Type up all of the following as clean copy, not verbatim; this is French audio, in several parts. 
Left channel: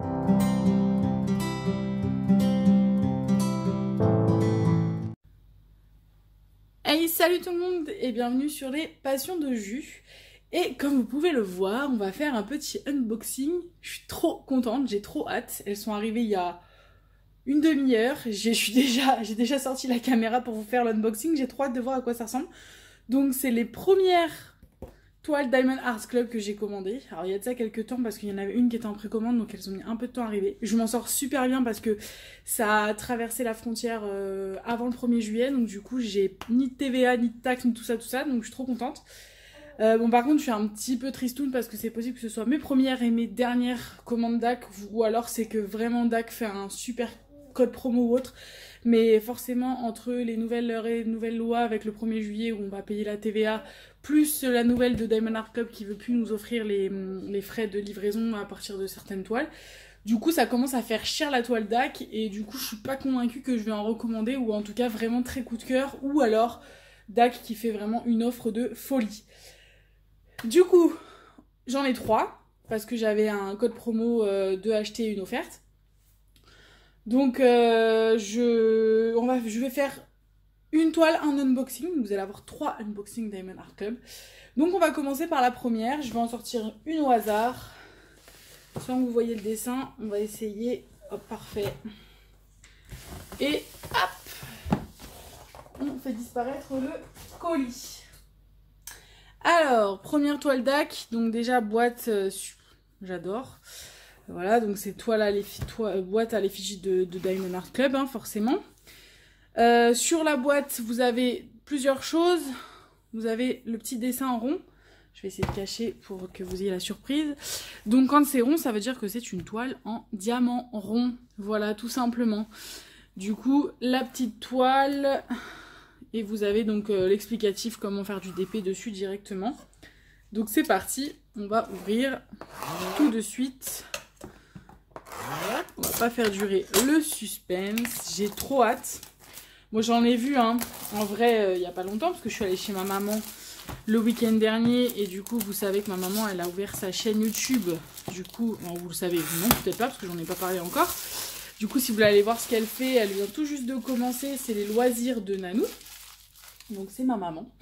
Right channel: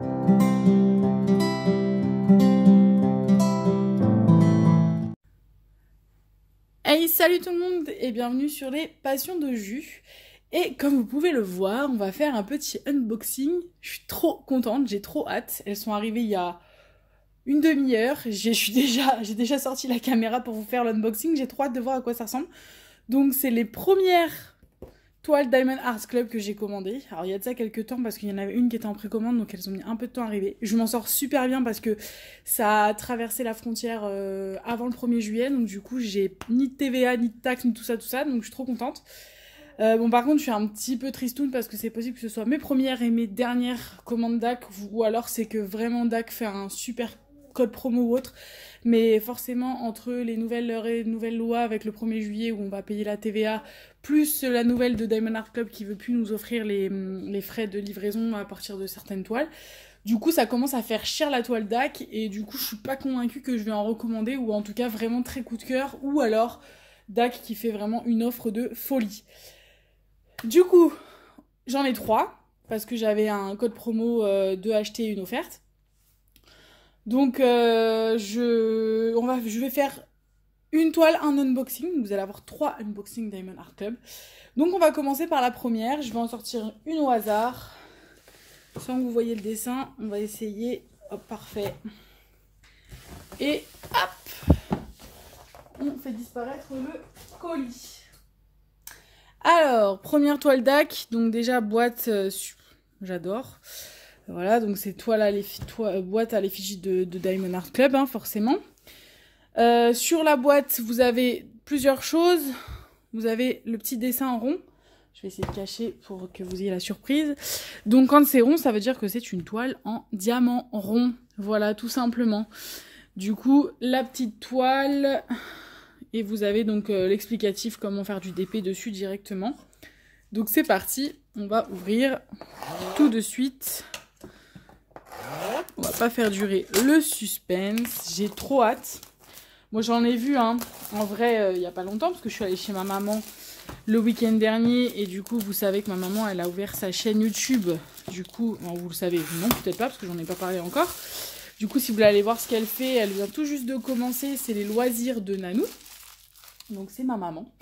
Hey, salut tout le monde et bienvenue sur les Passions de Jus. Et comme vous pouvez le voir, on va faire un petit unboxing. Je suis trop contente, j'ai trop hâte. Elles sont arrivées il y a une demi-heure. J'ai déjà sorti la caméra pour vous faire l'unboxing. J'ai trop hâte de voir à quoi ça ressemble. Donc c'est les premières toiles Diamond Art Club que j'ai commandées. Alors il y a de ça quelques temps parce qu'il y en avait une qui était en précommande, donc elles ont mis un peu de temps à arriver. Je m'en sors super bien parce que ça a traversé la frontière avant le 1er juillet, donc du coup j'ai ni de TVA, ni de taxes, ni tout ça, donc je suis trop contente. Bon par contre je suis un petit peu tristoune parce que c'est possible que ce soit mes premières et mes dernières commandes DAC, ou alors c'est que vraiment DAC fait un super code promo ou autre. Mais forcément entre les nouvelles lois avec le 1er juillet où on va payer la TVA, plus la nouvelle de Diamond Art Club qui veut plus nous offrir les frais de livraison à partir de certaines toiles. Du coup, ça commence à faire cher la toile DAC et du coup, je suis pas convaincue que je vais en recommander, ou en tout cas vraiment très coup de cœur, ou alors DAC qui fait vraiment une offre de folie. Du coup, j'en ai 3 parce que j'avais un code promo de acheter une offerte. Donc, je vais faire une toile, un unboxing. Vous allez avoir 3 unboxings Diamond Art Club. Donc on va commencer par la première. Je vais en sortir une au hasard. Sans que vous voyez le dessin, on va essayer. Hop, parfait. Et hop, on fait disparaître le colis. Alors, première toile DAC. Donc déjà, boîte, j'adore. Voilà, donc c'est boîte à l'effigie de Diamond Art Club, hein, forcément. Sur la boîte, vous avez plusieurs choses. Vous avez le petit dessin en rond. Je vais essayer de cacher pour que vous ayez la surprise. Donc quand c'est rond, ça veut dire que c'est une toile en diamant rond. Voilà, tout simplement. Du coup, la petite toile. Et vous avez donc l'explicatif comment faire du DP dessus directement. Donc c'est parti. On va ouvrir tout de suite. On va pas faire durer le suspense. J'ai trop hâte. Moi j'en ai vu en vrai il n'y a pas longtemps parce que je suis allée chez ma maman le week-end dernier et du coup vous savez que ma maman elle a ouvert sa chaîne YouTube. Du coup, bon, vous le savez, non peut-être pas parce que j'en ai pas parlé encore. Du coup si vous voulez aller voir ce qu'elle fait, elle vient tout juste de commencer, c'est les loisirs de Nanou. Donc c'est ma maman.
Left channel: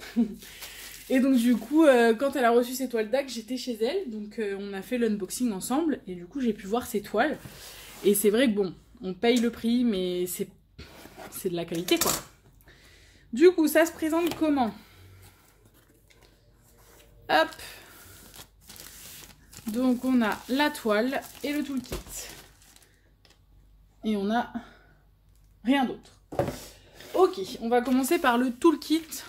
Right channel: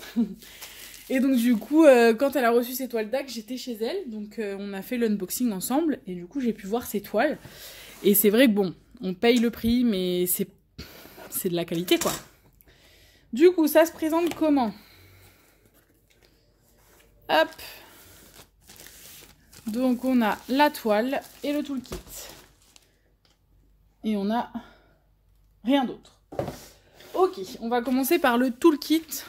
Et donc du coup quand elle a reçu ses toiles DAC, j'étais chez elle. Donc on a fait l'unboxing ensemble et du coup j'ai pu voir ses toiles. Et c'est vrai que bon, on paye le prix mais c'est de la qualité quoi. Du coup ça se présente comment? Hop, donc on a la toile et le toolkit et on a rien d'autre. Ok, on va commencer par le toolkit.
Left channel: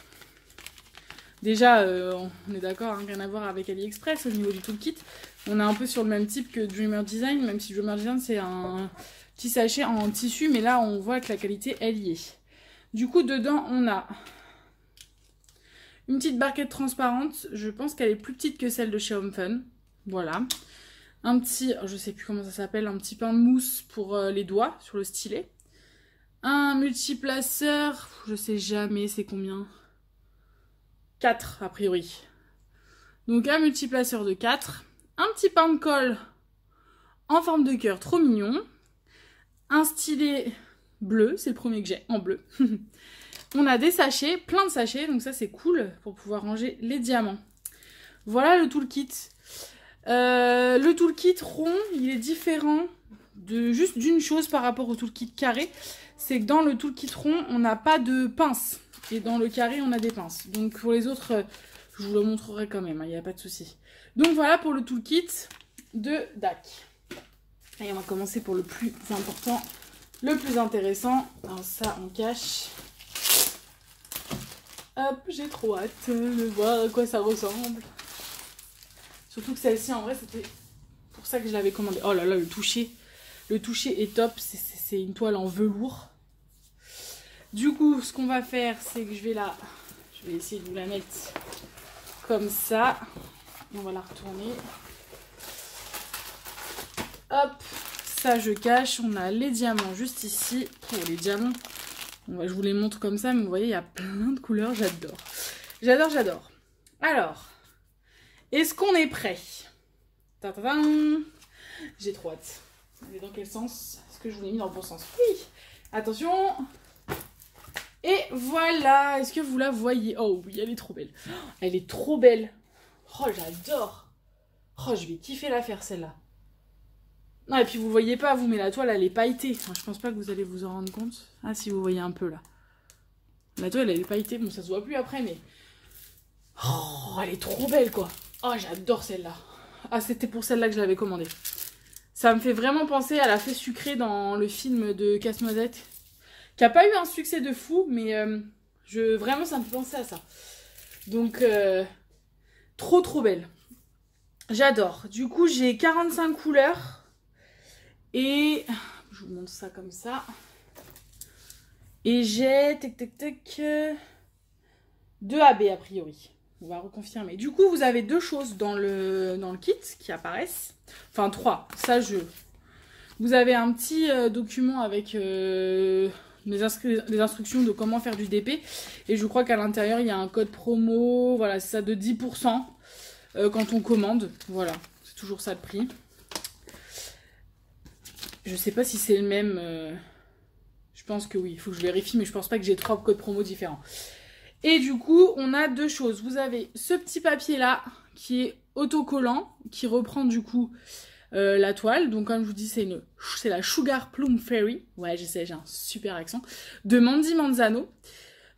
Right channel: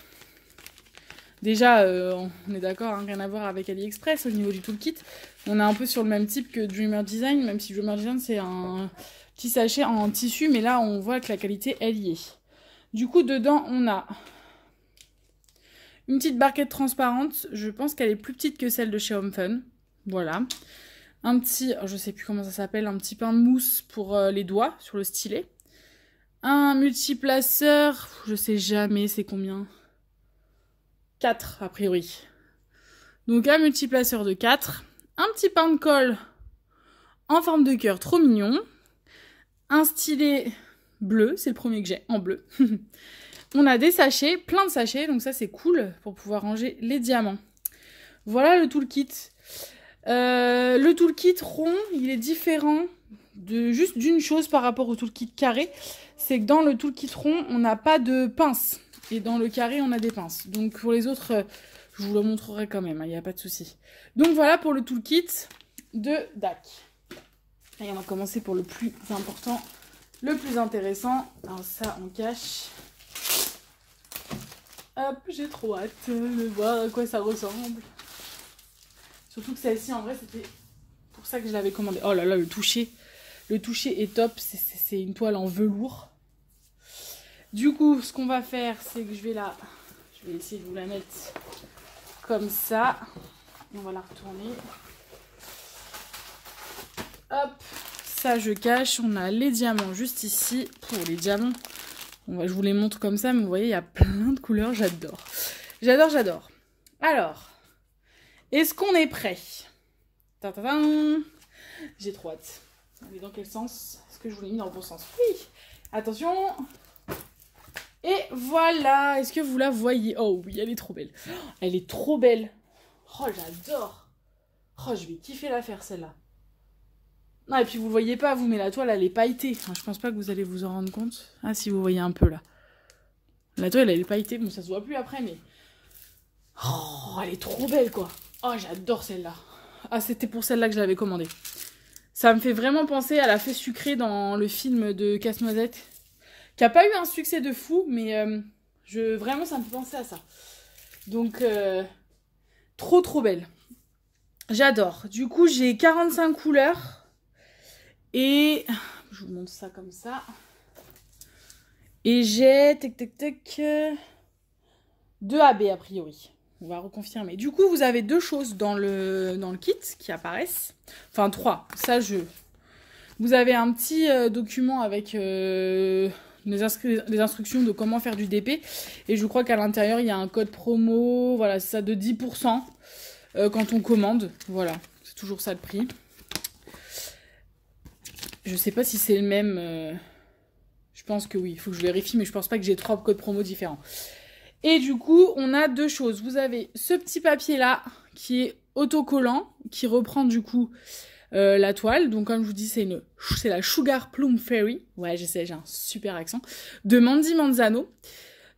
Déjà on est d'accord, hein, rien à voir avec AliExpress au niveau du toolkit. On est un peu sur le même type que Dreamer Design, même si Dreamer Design c'est un petit sachet en tissu, mais là on voit que la qualité elle y est. Du coup, dedans, on a une petite barquette transparente. Je pense qu'elle est plus petite que celle de chez Home Fun. Voilà. Un petit, je sais plus comment ça s'appelle, un petit pain de mousse pour les doigts sur le stylet. Un multiplaceur, je sais jamais c'est combien. 4 a priori. Donc un multiplaceur de 4. Un petit pain de colle en forme de cœur, trop mignon. Un stylet bleu, c'est le premier que j'ai, en bleu. On a des sachets, plein de sachets, donc ça c'est cool pour pouvoir ranger les diamants. Voilà le toolkit. Le toolkit rond, il est différent juste d'une chose par rapport au toolkit carré. C'est que dans le toolkit rond, on n'a pas de pince. Et dans le carré, on a des pinces. Donc pour les autres, je vous le montrerai quand même, il n'y a pas de souci. Donc voilà pour le toolkit de DAC. Et on va commencer pour le plus important. Le plus intéressant, alors ça on cache. Hop, j'ai trop hâte de voir à quoi ça ressemble. Surtout que celle-ci en vrai c'était pour ça que je l'avais commandée. Oh là là, le toucher est top, c'est une toile en velours. Du coup, ce qu'on va faire, c'est que je vais essayer de vous la mettre comme ça. Et on va la retourner. Hop. Ça je cache, on a les diamants juste ici. Pour les diamants, je vous les montre comme ça, mais vous voyez, il y a plein de couleurs, j'adore. J'adore, j'adore. Alors, est-ce qu'on est prêt? J'ai trop hâte. Elle est dans quel sens? Est-ce que je vous l'ai mis dans le bon sens? Oui. Attention. Et voilà. Est-ce que vous la voyez? Oh oui, elle est trop belle. Elle est trop belle. Oh, j'adore. Oh, je vais kiffer la faire, celle-là. Non, et puis vous voyez pas, vous, mais la toile, elle est pailletée. Enfin, je pense pas que vous allez vous en rendre compte. Ah, si vous voyez un peu, là. La toile, elle est pailletée. Bon, ça se voit plus après, mais... Oh, elle est trop belle, quoi. Oh, j'adore celle-là. Ah, c'était pour celle-là que je l'avais commandée. Ça me fait vraiment penser à la fée sucrée dans le film de Casse-Noisette. Qui a pas eu un succès de fou, mais vraiment, ça me fait penser à ça. Donc, trop belle. J'adore. Du coup, j'ai 45 couleurs. Et je vous montre ça comme ça. Et j'ai 2 AB a priori. On va reconfirmer. Du coup, vous avez 2 choses dans le kit qui apparaissent. Enfin, 3. Ça, vous avez un petit document avec les instructions de comment faire du DP. Et je crois qu'à l'intérieur, il y a un code promo. Voilà, c'est ça, de 10% quand on commande. Voilà, c'est toujours ça le prix. Je sais pas si c'est le même. Je pense que oui, il faut que je vérifie, mais je pense pas que j'ai 3 codes promo différents. Et du coup, on a 2 choses. Vous avez ce petit papier-là qui est autocollant, qui reprend du coup la toile. Donc comme je vous dis, c'est la Sugar Plum Fairy. Ouais, je sais, j'ai un super accent. De Mandy Manzano.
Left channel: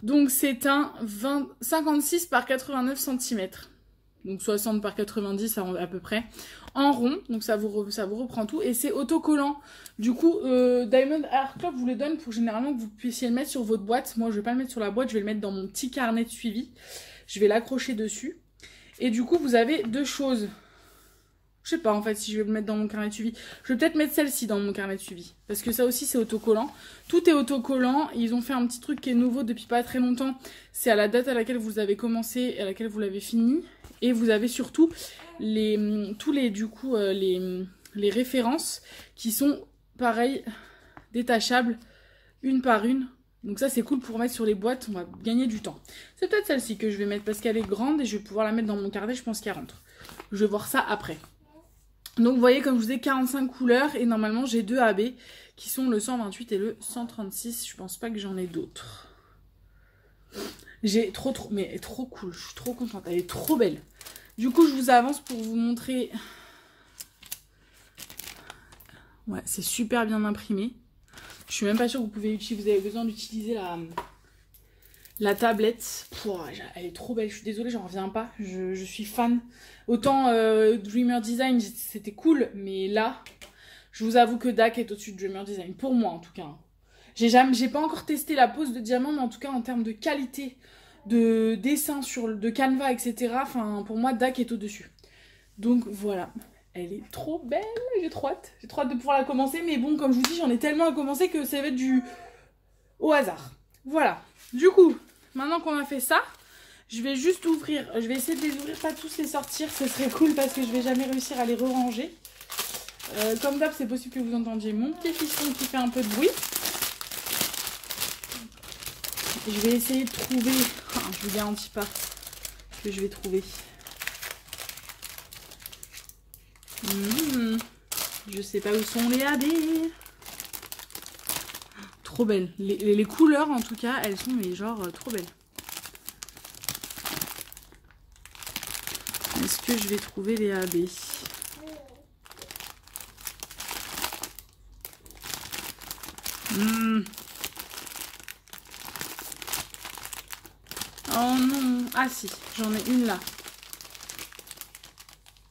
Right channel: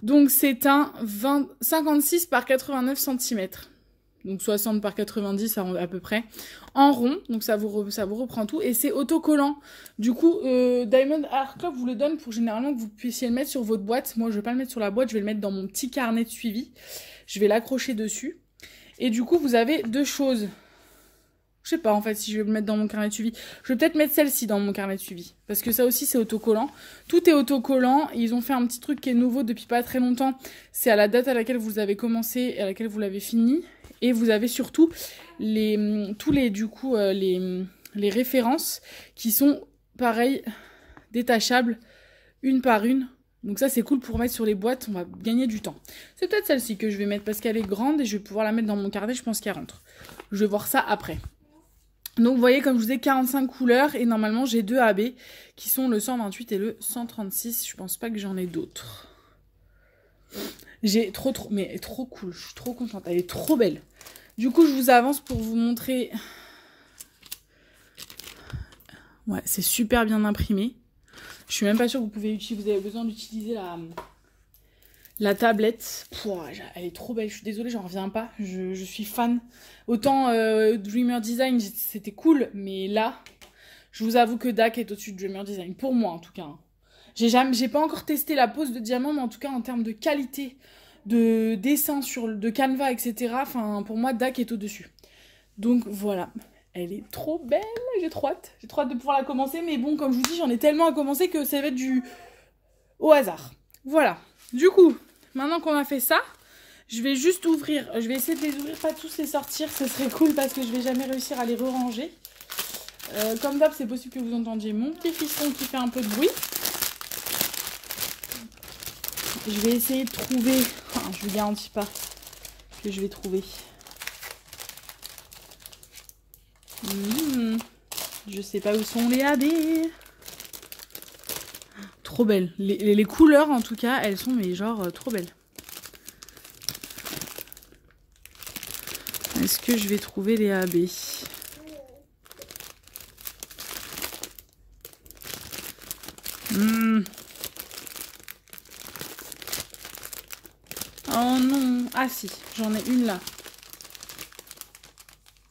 Donc c'est un 56 par 89 cm. Donc 60 par 90 à peu près. En rond, donc ça vous reprend tout. Et c'est autocollant. Du coup, Diamond Art Club vous le donne pour généralement que vous puissiez le mettre sur votre boîte. Moi, je vais pas le mettre sur la boîte, je vais le mettre dans mon petit carnet de suivi. Je vais l'accrocher dessus. Et du coup, vous avez 2 choses. Je sais pas en fait si je vais le mettre dans mon carnet de suivi. Je vais peut-être mettre celle-ci dans mon carnet de suivi. Parce que ça aussi, c'est autocollant. Tout est autocollant. Ils ont fait un petit truc qui est nouveau depuis pas très longtemps. C'est à la date à laquelle vous avez commencé et à laquelle vous l'avez fini. Et vous avez surtout tous les références qui sont pareil, détachables une par une. Donc ça c'est cool pour mettre sur les boîtes, on va gagner du temps. C'est peut-être celle-ci que je vais mettre parce qu'elle est grande et je vais pouvoir la mettre dans mon carnet, je pense qu'elle rentre. Je vais voir ça après. Donc vous voyez comme je vous ai 45 couleurs et normalement j'ai 2 AB qui sont le 128 et le 136. Je pense pas que j'en ai d'autres. J'ai mais elle est trop cool, je suis trop contente, elle est trop belle. Du coup, je vous avance pour vous montrer. Ouais, c'est super bien imprimé. Je suis même pas sûre que vous pouvez utiliser. Vous avez besoin d'utiliser la tablette. Pouah, elle est trop belle. Je suis désolée, j'en reviens pas. Je suis fan. Autant Dreamer Design, c'était cool, mais là, je vous avoue que DAC est au-dessus de Dreamer Design. Pour moi, en tout cas. J'ai pas encore testé la pose de diamant, mais en tout cas, en termes de qualité de dessin de Canva, etc. Enfin, pour moi, DAC est au-dessus. Donc voilà, elle est trop belle. J'ai trop hâte. J'ai trop hâte de pouvoir la commencer. Mais bon, comme je vous dis, j'en ai tellement à commencer que ça va être au hasard. Voilà. Du coup, maintenant qu'on a fait ça, je vais juste ouvrir. Je vais essayer de les ouvrir, pas tous les sortir. Ce serait cool parce que je vais jamais réussir à les re-ranger. Comme d'hab, c'est possible que vous entendiez mon petit fiston qui fait un peu de bruit. Je vais essayer de trouver... Enfin, je ne vous garantis pas que je vais trouver. Je sais pas où sont les AB. Trop belles. Les couleurs, en tout cas, elles sont mais genre trop belles. Est-ce que je vais trouver les AB? Oh non. Ah si, j'en ai une là.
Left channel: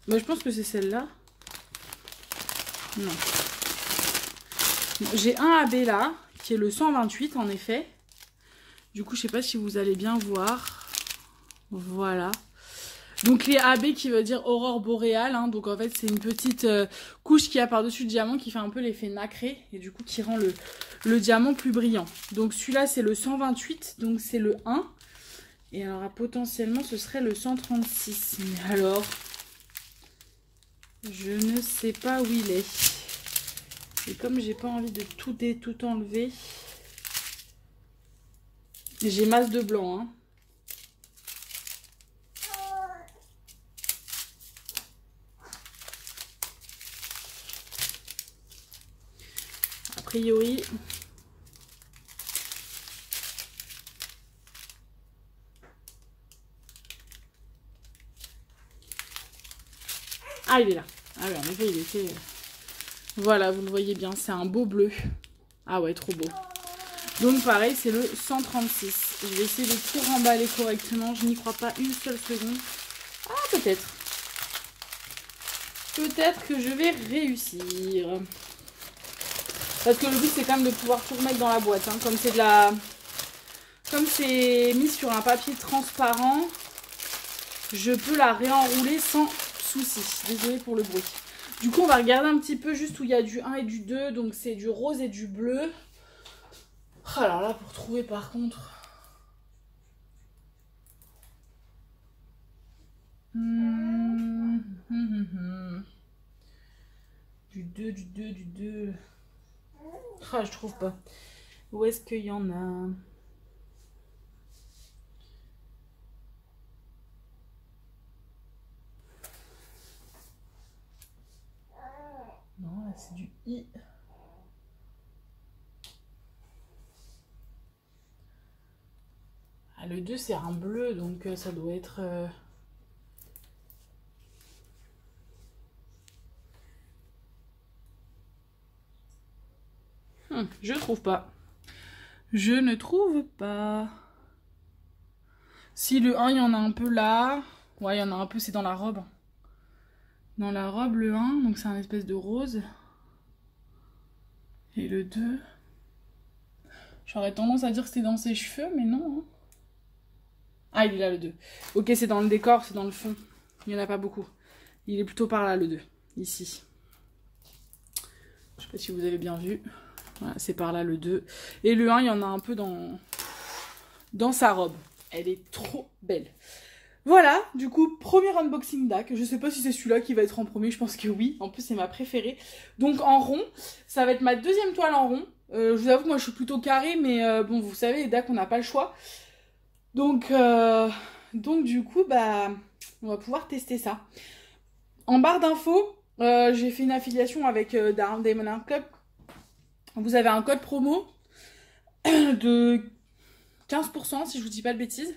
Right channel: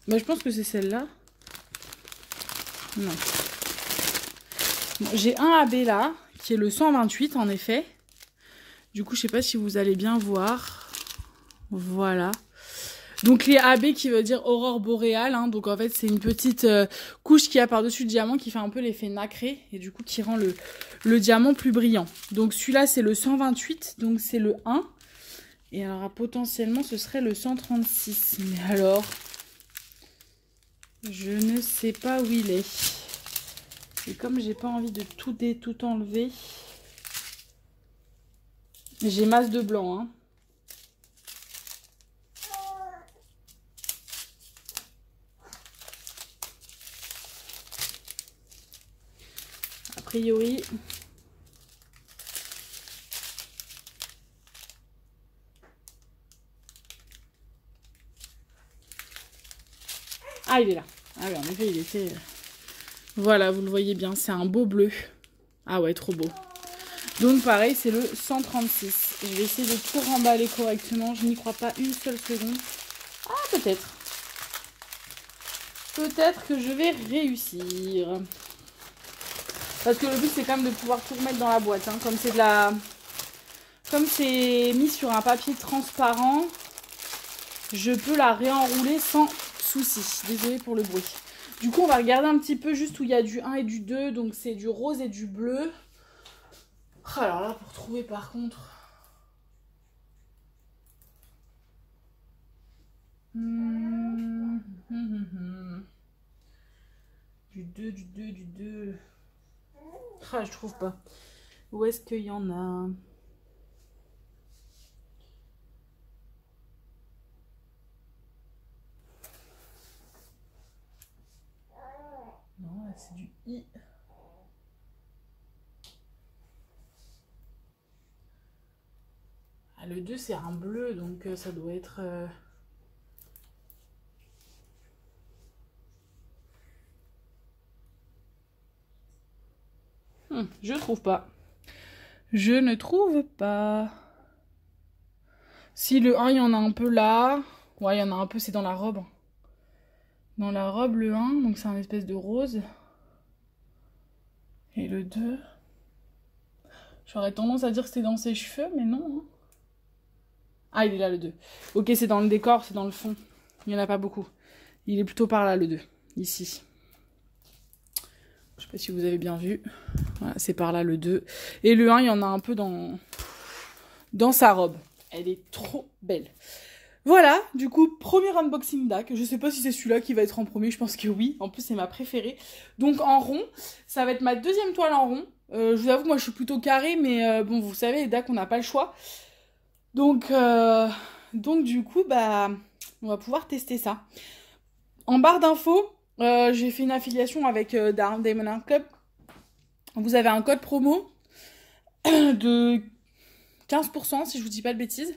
Bah, je pense que c'est celle-là. Non. J'ai un AB là, qui est le 128 en effet. Du coup, je sais pas si vous allez bien voir. Voilà. Donc les AB qui veut dire aurore boréale. Hein. Donc en fait, c'est une petite couche qu'il y a par-dessus le diamant qui fait un peu l'effet nacré. Et du coup, qui rend le diamant plus brillant. Donc celui-là, c'est le 128. Donc c'est le 1. Et alors potentiellement, ce serait le 136. Mais alors... je ne sais pas où il est. Et comme j'ai pas envie de tout enlever, j'ai masse de blanc. Hein. priori. Ah, il est là. Ah ouais, en effet, il était... Voilà, vous le voyez bien, c'est un beau bleu. Ah ouais, trop beau. Donc pareil, c'est le 136. Je vais essayer de tout remballer correctement. Je n'y crois pas une seule seconde. Ah, peut-être. Peut-être que je vais réussir. Parce que le but, c'est quand même de pouvoir tout remettre dans la boîte. Hein. Comme c'est de la... Comme c'est mis sur un papier transparent, je peux la réenrouler sans souci. Désolée pour le bruit. Du coup, on va regarder un petit peu juste où il y a du 1 et du 2. Donc, c'est du rose et du bleu. Oh, alors là, pour trouver par contre... Du 2, du 2, du 2... Ah, je trouve pas. Où est-ce qu'il y en a? Non, là, c'est du I. Ah, le 2, c'est un bleu, donc ça doit être... je trouve pas. Je ne trouve pas. Si le 1, il y en a un peu là. Ouais, il y en a un peu, c'est dans la robe. Dans la robe, le 1, donc c'est un espèce de rose. Et le 2... J'aurais tendance à dire que c'est dans ses cheveux, mais non. Hein. Ah, il est là, le 2. Ok, c'est dans le décor, c'est dans le fond. Il n'y en a pas beaucoup. Il est plutôt par là, le 2. Ici. Je sais pas si vous avez bien vu. Voilà, c'est par là, le 2. Et le 1, il y en a un peu dans sa robe. Elle est trop belle. Voilà, du coup, premier unboxing DAC. Je sais pas si c'est celui-là qui va être en premier, je pense que oui. En plus, c'est ma préférée. Donc, en rond, ça va être ma deuxième toile en rond. Je vous avoue que moi, je suis plutôt carrée, mais bon, vous savez, les DAC, on n'a pas le choix. Donc, du coup, bah, on va pouvoir tester ça. En barre d'infos, j'ai fait une affiliation avec Diamond Art Club. Vous avez un code promo de 15%, si je vous dis pas de bêtises.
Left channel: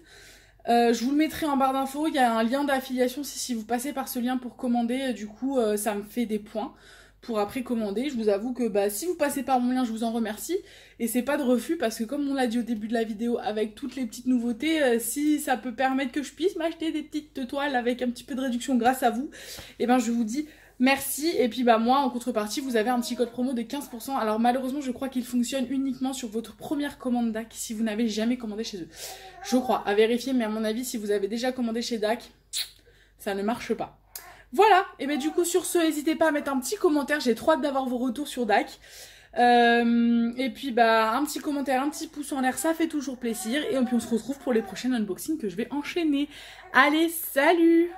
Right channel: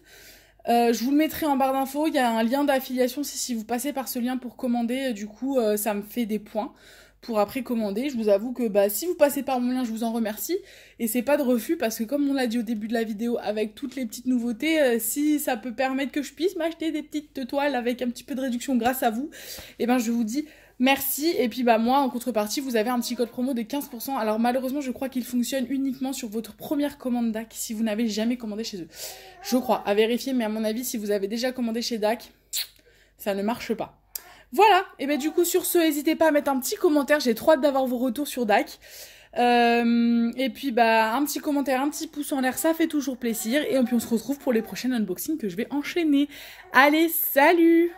Je vous le mettrai en barre d'infos. Il y a un lien d'affiliation si vous passez par ce lien pour commander. Du coup, ça me fait des points pour après commander. Je vous avoue que bah, si vous passez par mon lien, je vous en remercie. Et c'est pas de refus parce que comme on l'a dit au début de la vidéo, avec toutes les petites nouveautés, si ça peut permettre que je puisse m'acheter des petites toiles avec un petit peu de réduction grâce à vous, et ben je vous dis merci. Et puis bah moi en contrepartie vous avez un petit code promo de 15%. Alors malheureusement je crois qu'il fonctionne uniquement sur votre première commande DAC si vous n'avez jamais commandé chez eux. Je crois, à vérifier, mais à mon avis si vous avez déjà commandé chez DAC, ça ne marche pas. Voilà, et bien du coup sur ce, n'hésitez pas à mettre un petit commentaire, j'ai trop hâte d'avoir vos retours sur DAC. Et puis bah un petit commentaire, un petit pouce en l'air, ça fait toujours plaisir. Et puis on se retrouve pour les prochains unboxings que je vais enchaîner. Allez, salut!